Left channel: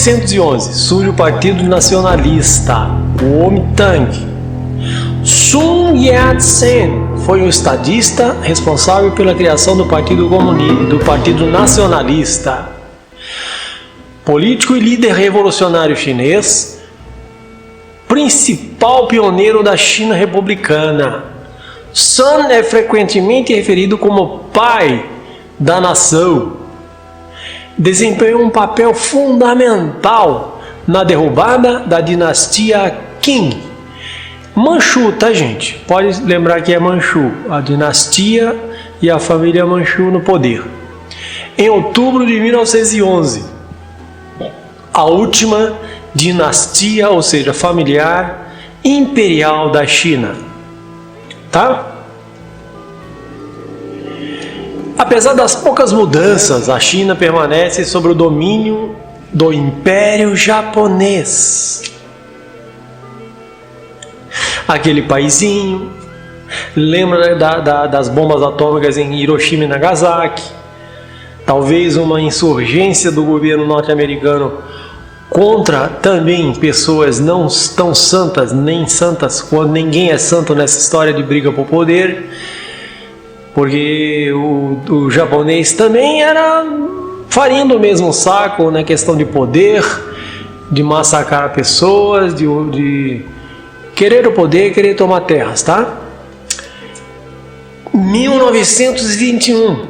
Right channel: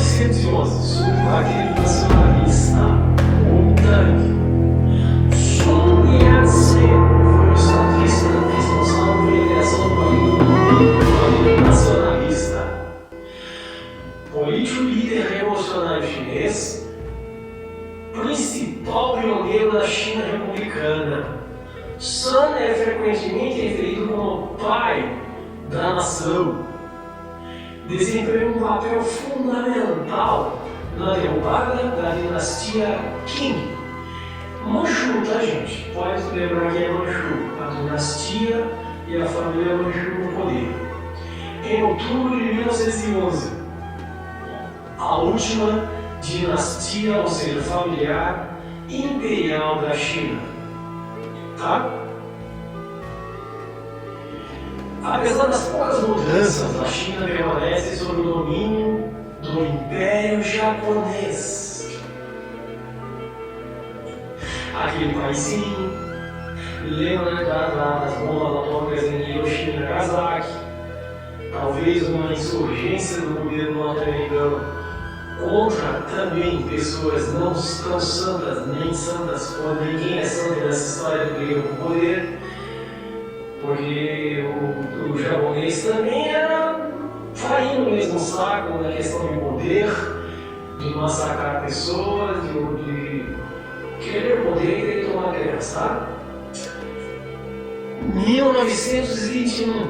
1911, surge o Partido Nacionalista, Kuomintang. Sun Yat-sen foi o estadista responsável pela criação do Partido Comunista, do Partido Nacionalista. Político e líder revolucionário chinês, principal pioneiro da China republicana. Sun é frequentemente referido como pai da nação. Desempenhou um papel fundamental na derrubada da dinastia Qing. Manchu, tá, gente? Pode lembrar que é Manchu, a dinastia e a família Manchu no poder. Em outubro de 1911, a última dinastia, ou seja, familiar imperial da China. Tá? Apesar das poucas mudanças, a China permanece sob o domínio do Império Japonês. Aquele paizinho, lembra, né, das bombas atômicas em Hiroshima e Nagasaki? Talvez uma insurgência do governo norte-americano contra também pessoas não tão santas, nem santas, quando ninguém é santo nessa história de briga por poder, porque o japonês também era farinha do mesmo saco na questão de poder, de massacrar pessoas, de querer o poder, querer tomar terras, tá? 1921,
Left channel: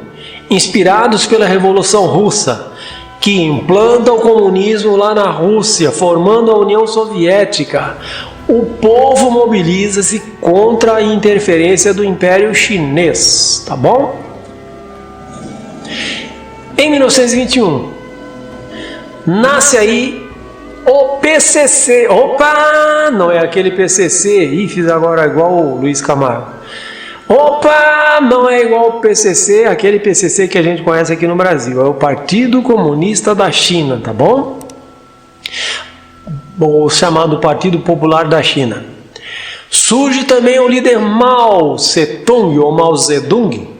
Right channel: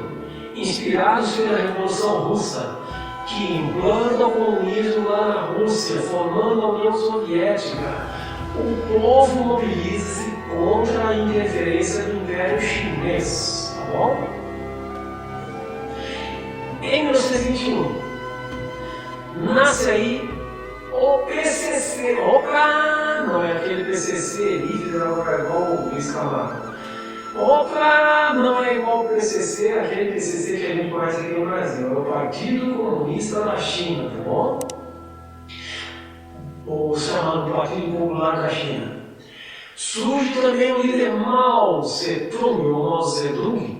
inspirados pela Revolução Russa, que implanta o comunismo lá na Rússia, formando a União Soviética, o povo mobiliza-se contra a interferência do Império Chinês, tá bom? Em 1921, nasce aí o PCC. Opa! Não é aquele PCC. Ih, fiz agora igual o Luiz Camargo. Opa! Não é igual o PCC, aquele PCC que a gente conhece aqui no Brasil. É o Partido Comunista da China, tá bom? O chamado Partido Popular da China. Surge também o líder Mao Tse-tung, ou Mao Zedong.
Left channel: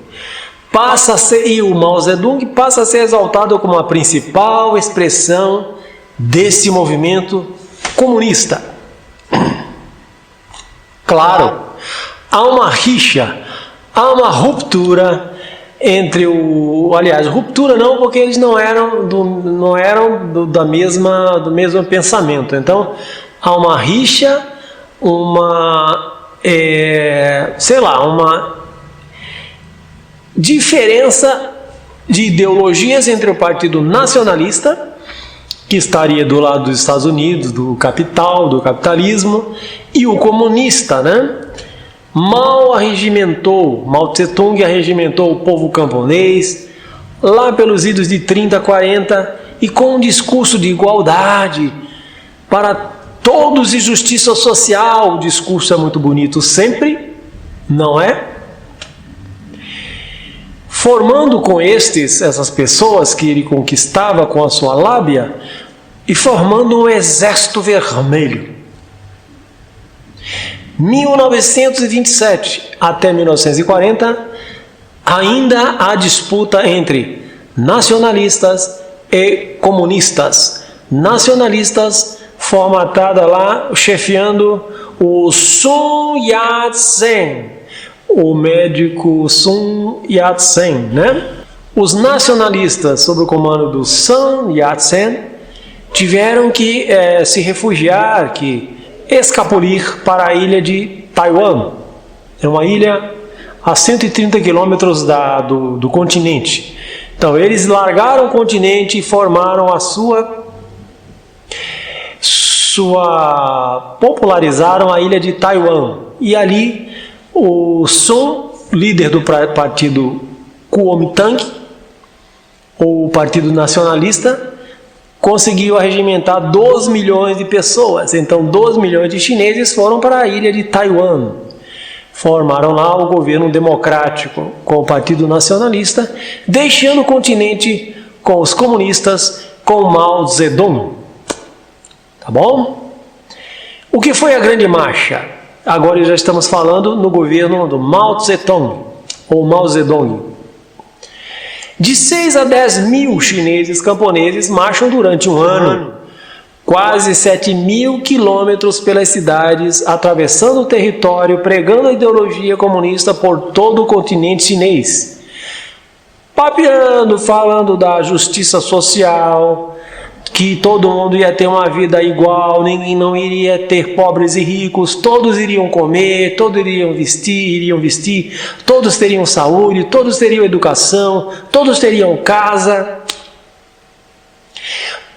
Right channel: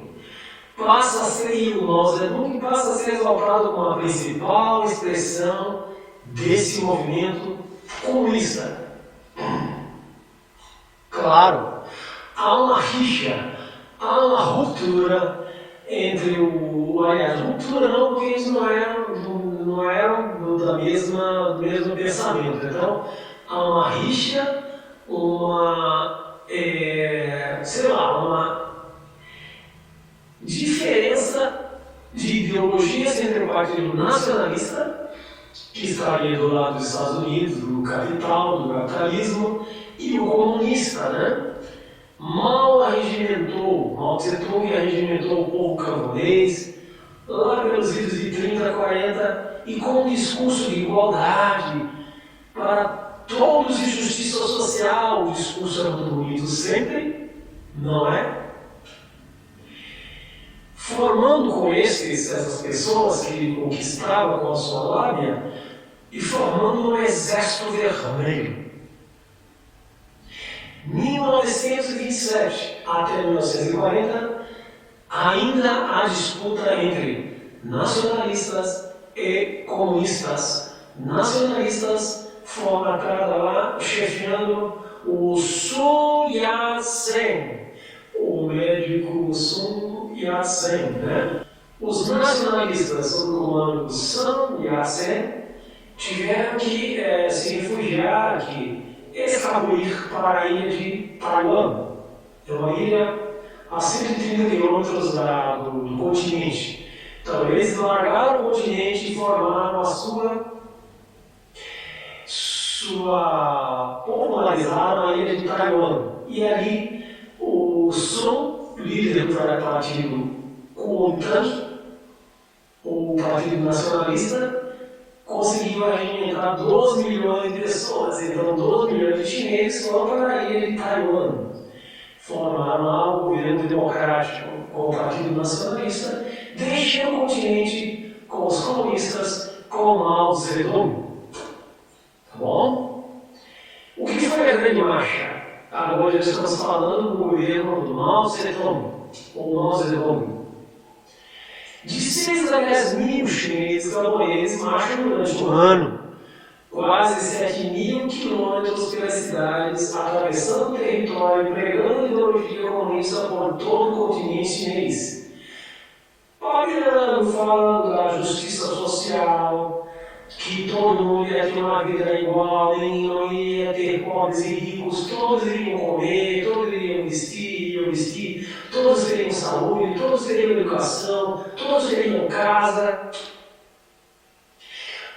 O Mao Zedong passa a ser exaltado como a principal expressão desse movimento comunista. Claro, há uma rixa, há uma ruptura entre aliás, ruptura não, porque eles não eram do mesmo pensamento. Então, há uma rixa, uma diferença de ideologias entre o Partido Nacionalista, que estaria do lado dos Estados Unidos, do capital, do capitalismo, e o comunista, né? Mao Tse-tung arregimentou o povo camponês, lá pelos idos de 30, 40, e com um discurso de igualdade para todos e justiça social. O discurso é muito bonito sempre, não é? Formando com essas pessoas que ele conquistava com a sua lábia, e formando um exército vermelho. 1927 até 1940, ainda há disputa entre nacionalistas e comunistas. Nacionalistas formatada lá, chefiando o Sun Yat-sen, o médico Sun Yat-sen, né? Os nacionalistas, sob o comando do Sun Yat-sen, tiveram que se refugiar, escapulir para a ilha de Taiwan. É uma ilha a 130 quilômetros do continente. Então, eles largaram o continente e formaram a popularizaram a ilha de Taiwan. E ali, o Sun, líder do partido Kuomintang, ou Partido Nacionalista, conseguiu arregimentar 2 milhões de pessoas. Então, 2 milhões de chineses foram para a ilha de Taiwan. Formaram lá o governo democrático com o Partido Nacionalista, deixando o continente com os comunistas, com Mao Zedong. Tá bom? O que foi a Grande Marcha? Agora já estamos falando no governo do Mao Tse-tung, ou Mao Zedong. De 6 a 10 mil chineses camponeses marcham durante um ano quase 7.000 quilômetros pelas cidades, atravessando o território, pregando a ideologia comunista por todo o continente chinês. Papeando, falando da justiça social, que todo mundo ia ter uma vida igual, ninguém não iria ter pobres e ricos, todos iriam comer, todos iriam vestir, todos teriam saúde, todos teriam educação, todos teriam casa,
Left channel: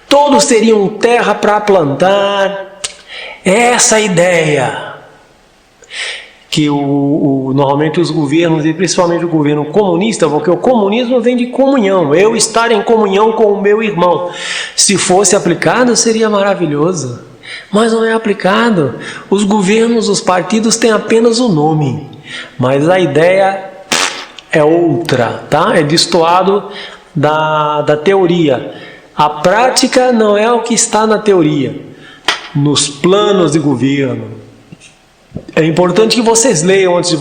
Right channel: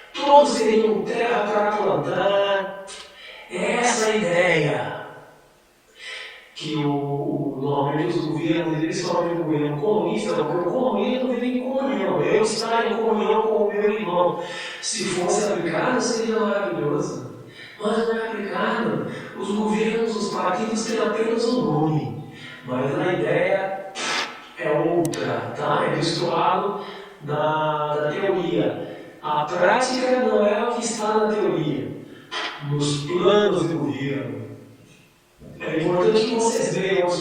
todos teriam terra para plantar. Essa ideia que normalmente os governos, e principalmente o governo comunista, porque o comunismo vem de comunhão, eu estar em comunhão com o meu irmão. Se fosse aplicado, seria maravilhoso, mas não é aplicado. Os governos, os partidos têm apenas o nome, mas a ideia é outra, tá? É destoado da teoria. A prática não é o que está na teoria, nos planos de governo. É importante que vocês leiam antes de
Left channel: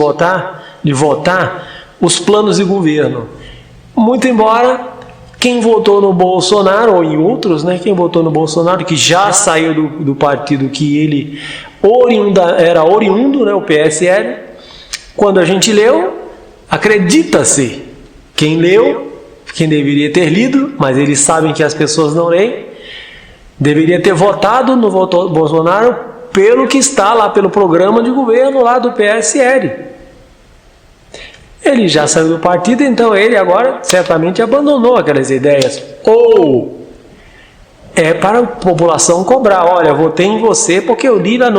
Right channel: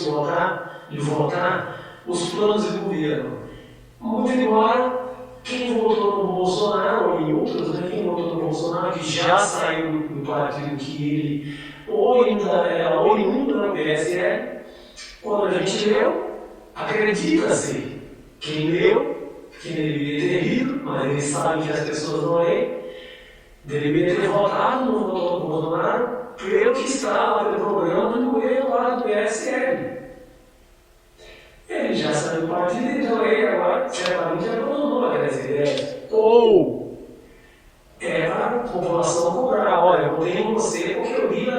votar os planos de governo. Muito embora quem votou no Bolsonaro, ou em outros, né, quem votou no Bolsonaro, que já saiu do partido que ele era oriundo, né, o PSL, quando a gente leu, acredita-se, quem leu, quem deveria ter lido, mas eles sabem que as pessoas não leem, deveria ter votado no Bolsonaro pelo que está lá, pelo programa de governo lá do PSL. Ele já saiu do partido, então ele agora certamente abandonou aquelas ideias. Ou é para a população cobrar, olha, eu votei em você porque eu li lá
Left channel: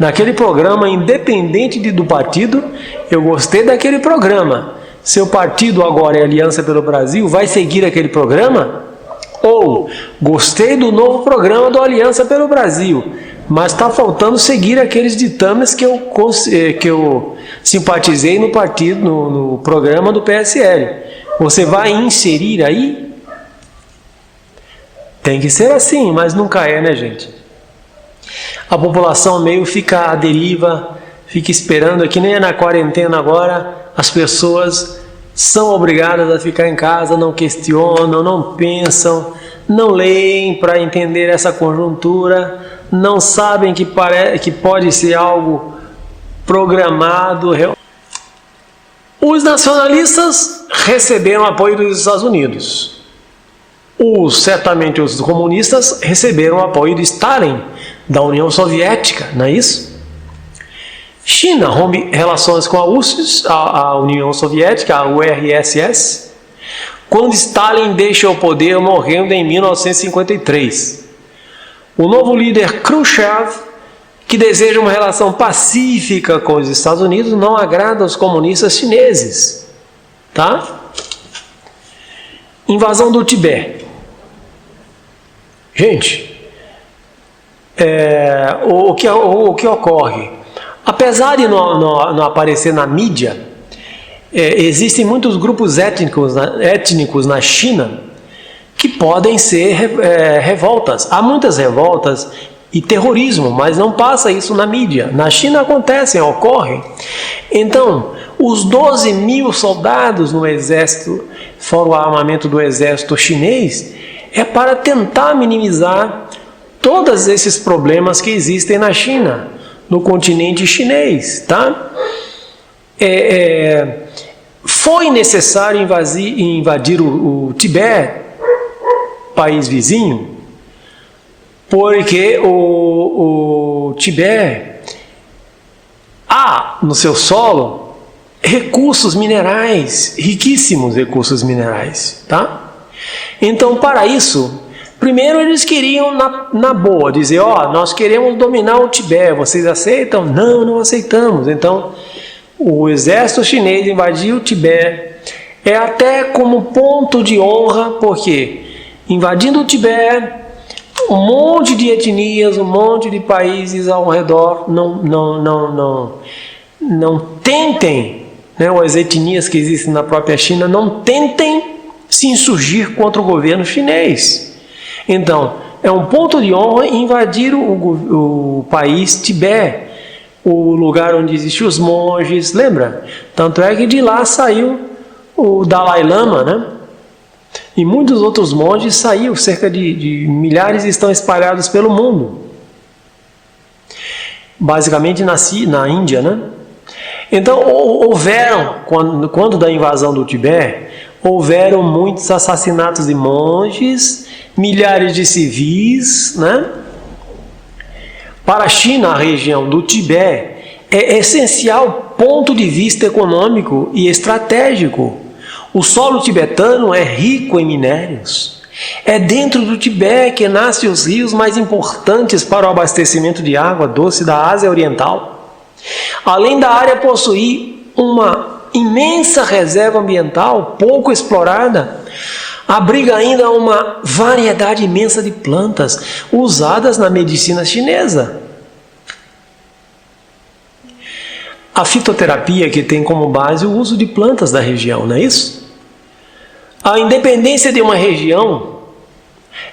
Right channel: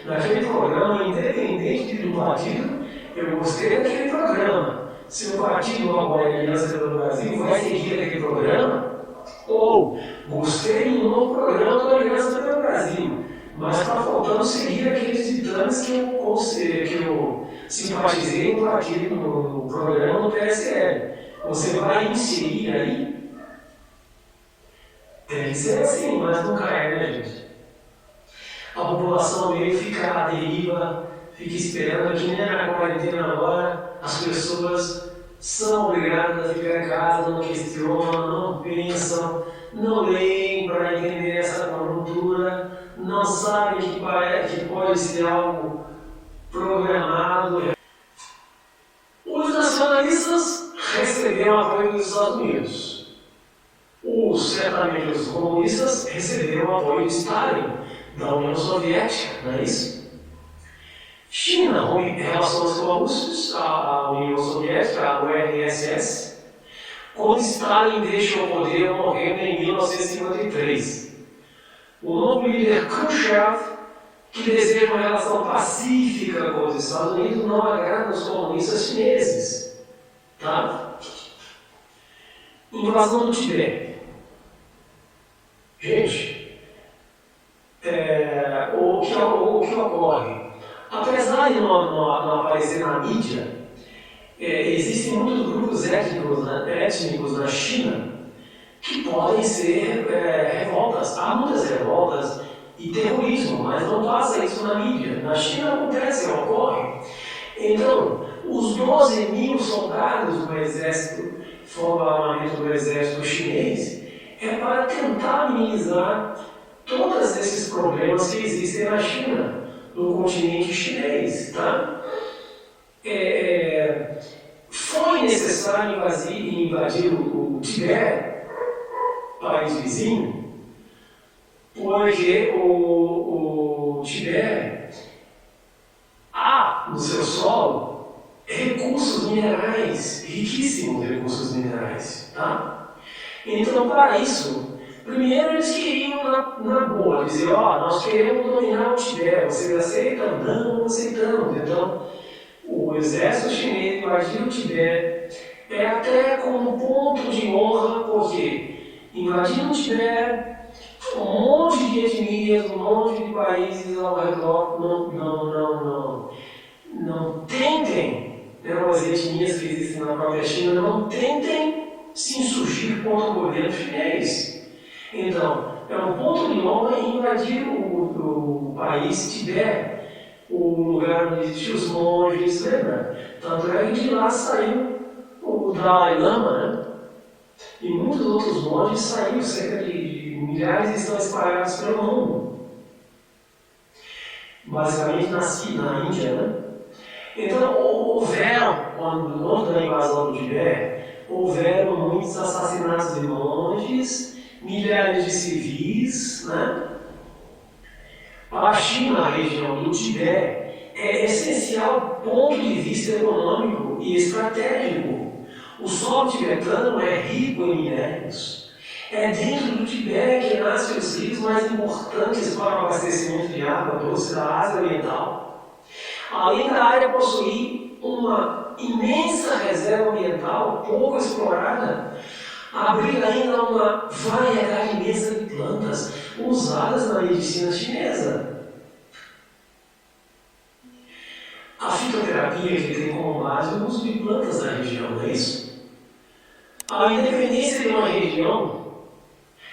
naquele programa, independente do partido, eu gostei daquele programa. Seu partido agora é Aliança pelo Brasil, vai seguir aquele programa? Ou gostei do novo programa do Aliança pelo Brasil, mas está faltando seguir aqueles ditames que eu simpatizei no partido, no programa do PSL. Você vai inserir aí? Tem que ser assim, mas nunca é, né, gente? A população meio fica à deriva, fica esperando, que nem na quarentena agora, as pessoas são obrigadas a ficar em casa, não questionam, não pensam, não leem para entender essa conjuntura, não sabem que pode ser algo programado. Os nacionalistas receberam apoio dos Estados Unidos. Certamente os comunistas receberam apoio de Stalin, da União Soviética, não é isso? China rompe relações com a URSS, a União Soviética, a URSS, quando Stalin deixa o poder, morrendo em 1953. O novo líder Khrushchev, que deseja uma relação pacífica com os Estados Unidos, não agrada aos comunistas chineses. Tá? Invasão do Tibete. Gente, o que ocorre? Apesar de não aparecer na mídia, existem muitos grupos étnicos na China que podem ser revoltas. Há muitas revoltas e terrorismo, mas não passa isso na mídia. Na China ocorre. Então, os 12.000 soldados no exército, fora o armamento do exército chinês, é para tentar minimizar todos esses problemas que existem na China, no continente chinês, tá? Foi necessário invadir o Tibete, país vizinho, porque o Tibete há no seu solo recursos minerais, riquíssimos recursos minerais, tá? Então, para isso, primeiro eles queriam, na boa, dizer, nós queremos dominar o Tibete, vocês aceitam? Não, não aceitamos. Então, o exército chinês invadiu o Tibete, até como ponto de honra, porque invadindo o Tibete, um monte de etnias, um monte de países ao redor não tentem, né, as etnias que existem na própria China, não tentem se insurgir contra o governo chinês. Então, é um ponto de honra invadir o país Tibete, o lugar onde existiam os monges, lembra? Tanto é que de lá saiu o Dalai Lama, né? E muitos outros monges saíram, cerca de milhares estão espalhados pelo mundo. Basicamente nasci na Índia, né? Então houveram, quando da invasão do Tibete, houveram muitos assassinatos de monges, milhares de civis, né? Para a China, a região do Tibete é essencial ponto de vista econômico e estratégico. O solo tibetano é rico em minérios. É dentro do Tibete que nascem os rios mais importantes para o abastecimento de água doce da Ásia Oriental. Além da área possuir uma imensa reserva ambiental pouco explorada, abriga ainda uma variedade imensa de plantas usadas na medicina chinesa. A fitoterapia que tem como base o uso de plantas da região, não é isso? A independência de uma região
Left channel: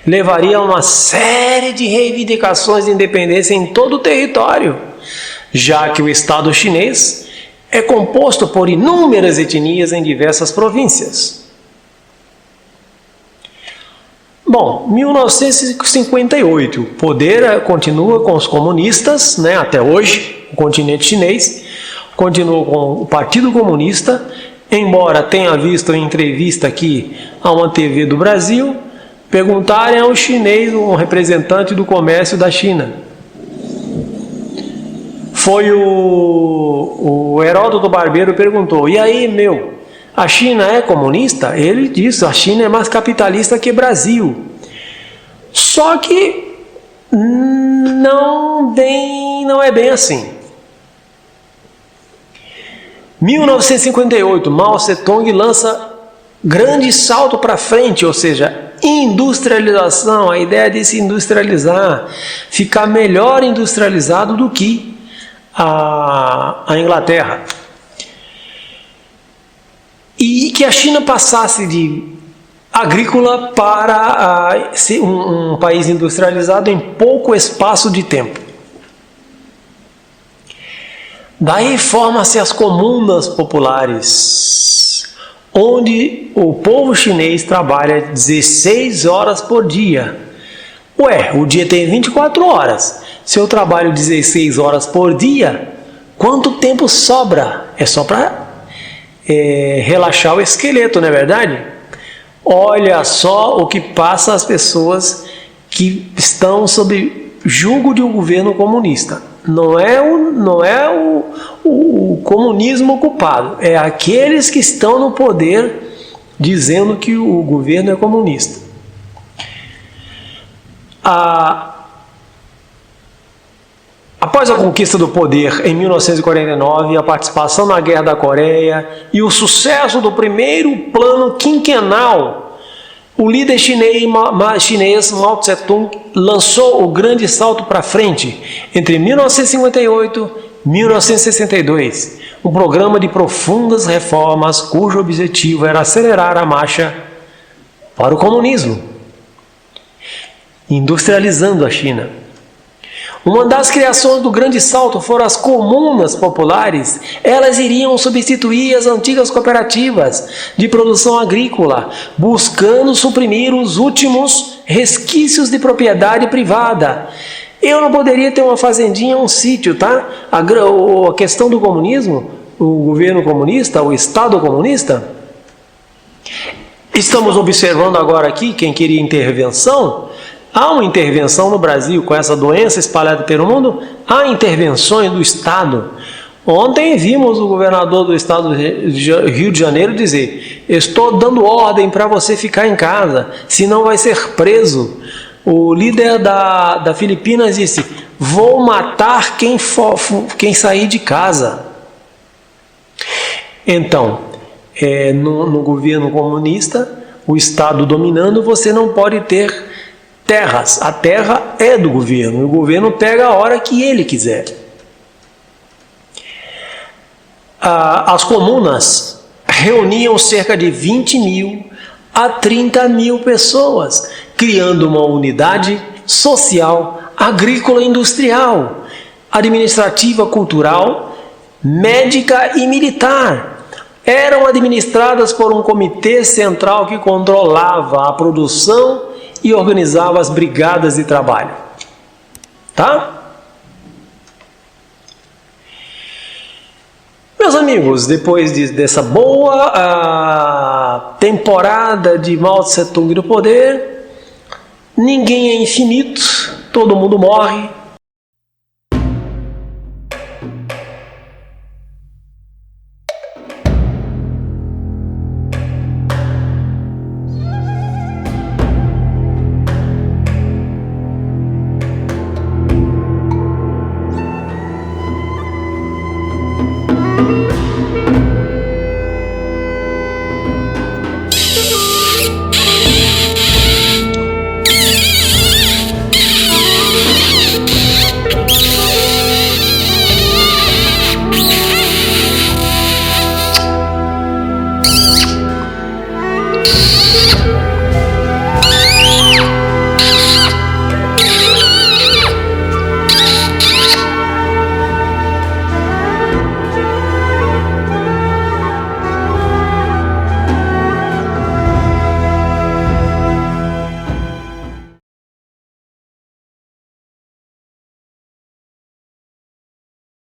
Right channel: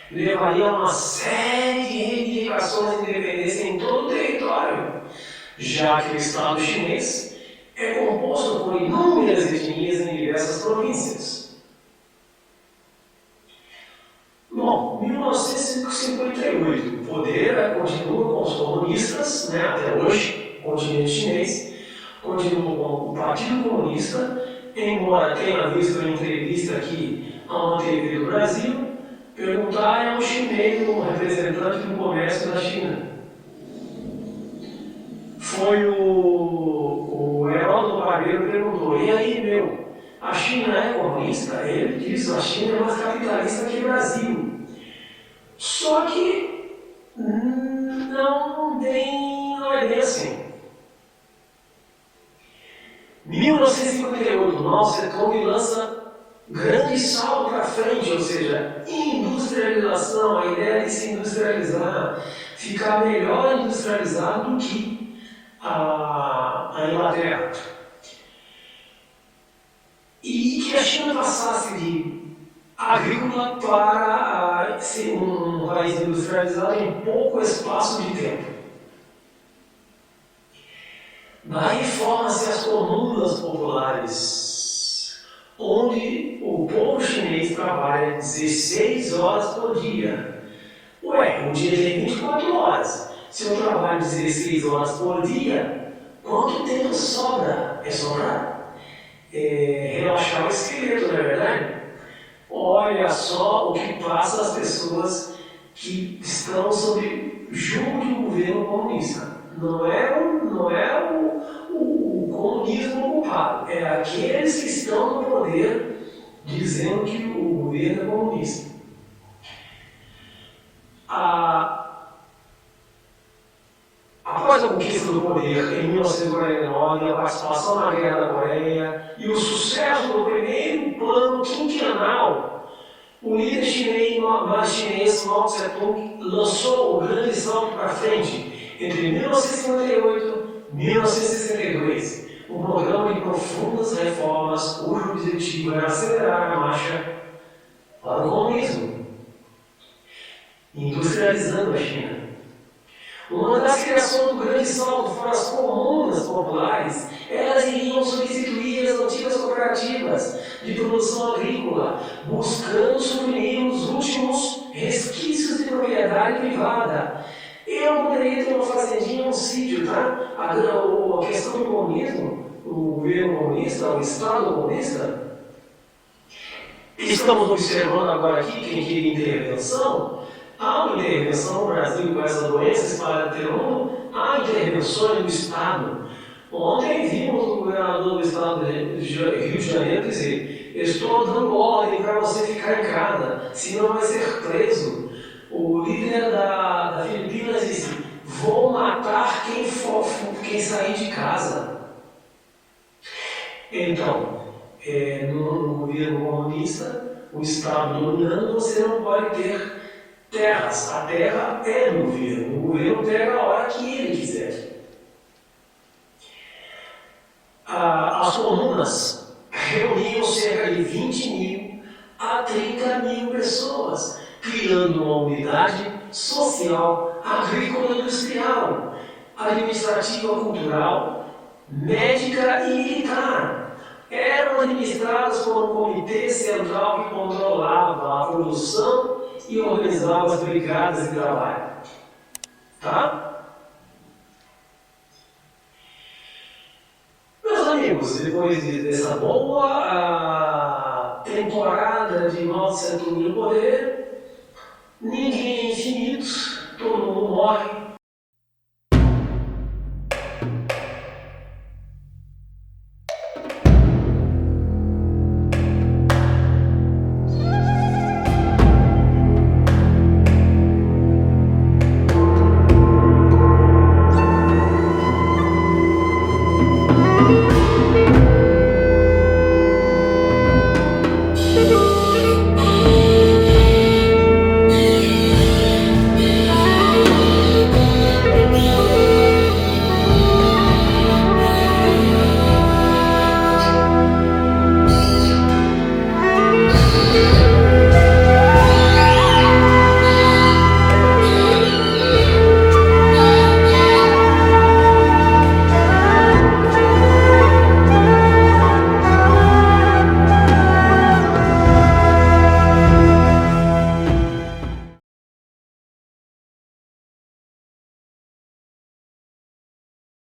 levaria a uma série de reivindicações de independência em todo o território, já que o Estado chinês é composto por inúmeras etnias em diversas províncias. Bom, 1958, o poder continua com os comunistas, né, até hoje, o continente chinês, continua com o Partido Comunista, embora tenha visto em entrevista aqui a uma TV do Brasil, perguntarem a um chinês, um representante do comércio da China. Foi o Heródoto Barbeiro perguntou, e aí, a China é comunista? Ele disse, a China é mais capitalista que Brasil. Só que não é bem assim. 1958, Mao Tse-tung lança grande salto para frente, ou seja, industrialização, a ideia de se industrializar, ficar melhor industrializado do que a Inglaterra. E que a China passasse de agrícola para ser um país industrializado em pouco espaço de tempo. Daí forma-se as comunas populares, onde o povo chinês trabalha 16 horas por dia. Ué, o dia tem 24 horas. Se eu trabalho 16 horas por dia, quanto tempo sobra? É só para relaxar o esqueleto, não é verdade? Olha só o que passa às pessoas que estão sob julgo de um governo comunista. Não é o comunismo culpado, é aqueles que estão no poder dizendo que o governo é comunista. Após a conquista do poder em 1949, a participação na Guerra da Coreia e o sucesso do primeiro plano quinquenal, o líder chinês Mao Tse-tung lançou o grande salto para frente entre 1958 e 1962, um programa de profundas reformas cujo objetivo era acelerar a marcha para o comunismo, industrializando a China. Uma das criações do grande salto foram as comunas populares. Elas iriam substituir as antigas cooperativas de produção agrícola, buscando suprimir os últimos resquícios de propriedade privada. Eu não poderia ter uma fazendinha ou um sítio, tá? A questão do comunismo, o governo comunista, o Estado comunista. Estamos observando agora aqui, quem queria intervenção, há uma intervenção no Brasil com essa doença espalhada pelo mundo, há intervenções do Estado. Ontem vimos o governador do estado do Rio de Janeiro dizer: estou dando ordem para você ficar em casa, senão vai ser preso. O líder da Filipinas disse: vou matar quem sair de casa. Então, no governo comunista, o Estado dominando, você não pode ter terras. A terra é do governo. O governo pega a hora que ele quiser. As comunas reuniam cerca de 20 mil a 30 mil pessoas, criando uma unidade social, agrícola, industrial, administrativa, cultural, médica e militar. eram administradas por um comitê central que controlava a produção e organizava as brigadas de trabalho. Tá? Meus amigos, depois dessa boa temporada de Mao Tse Tung no poder, ninguém é infinito, todo mundo morre,